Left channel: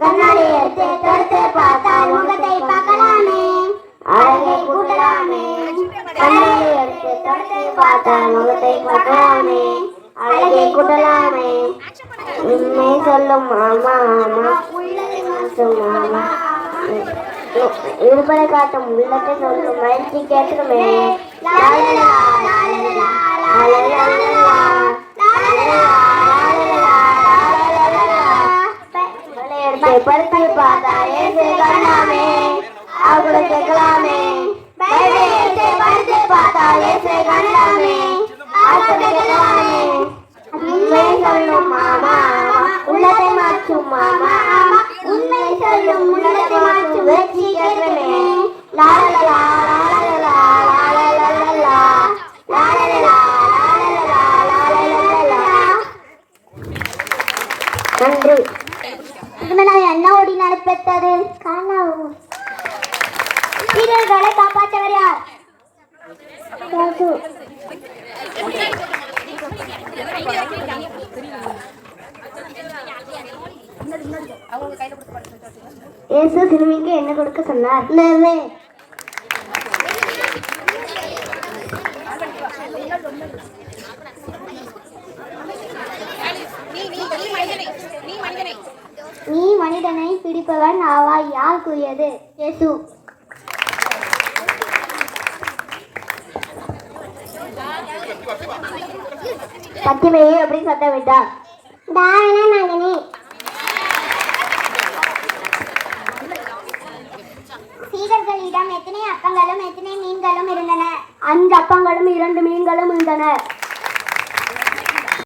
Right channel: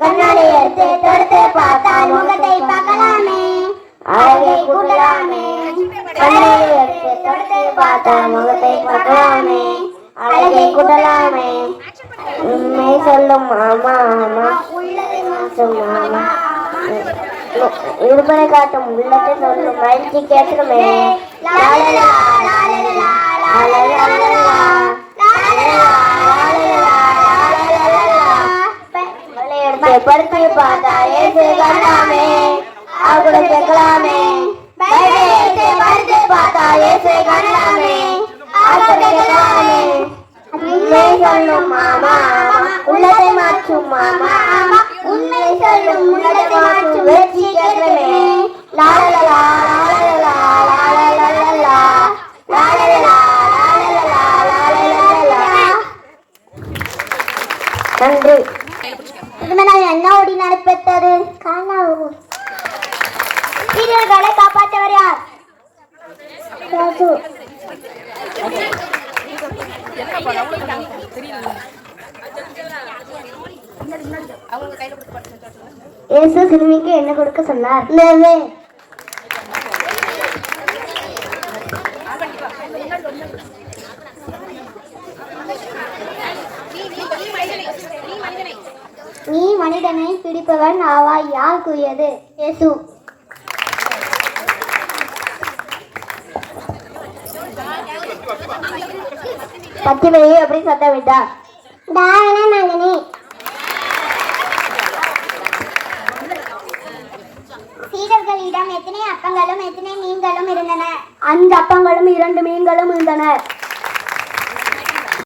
கண்ணாடி எடுத்து தொடுத்து பார்த்தால் முகத்தை பார்க்கலாமே அழகை கூட்டலாமே கண்ணாடி எடுத்து தொடுத்து பார்த்தால் முகத்தை பார்க்கலாமே அழகை கூட்டலாமே உண்மை சொல்லும் மாமா ஆமா உள்ளதை இருப்பதை காட்டும் உள்ளத்தை சொல்லும் மகிழ்ச்சி கேட்குமே படுத்து பார்த்தா ஏசு கண்ணாமே அவங்கள கேட்கலாமே. படுத்து பார்த்தா ஏசு கண்ணாமே அவங்க கேட்கலாமே. உண்மை சொல்லும் நன்றி. இதனால் என்ன ஓடி நடப்பெற்றது? காணாவு வீரர்களை காப்பாற்றவர் யார். இயேசு சிறுமிக்கு என்ன கொடுக்க சொன்னார்? நீ மனிதனை பிடிப்பவன் ஆவாய். யார் கூறியது? இயேசு. கத்தி வெளியே அப்படின்னு சத்தம் விட்டா தாரண மகனே சீடர்களிடம் எத்தனை அப்பங்களும் எத்தனை மீன்களும் இருந்தன? அந்த அப்பங்களும் இரண்டு மீன்களும் இருந்தன.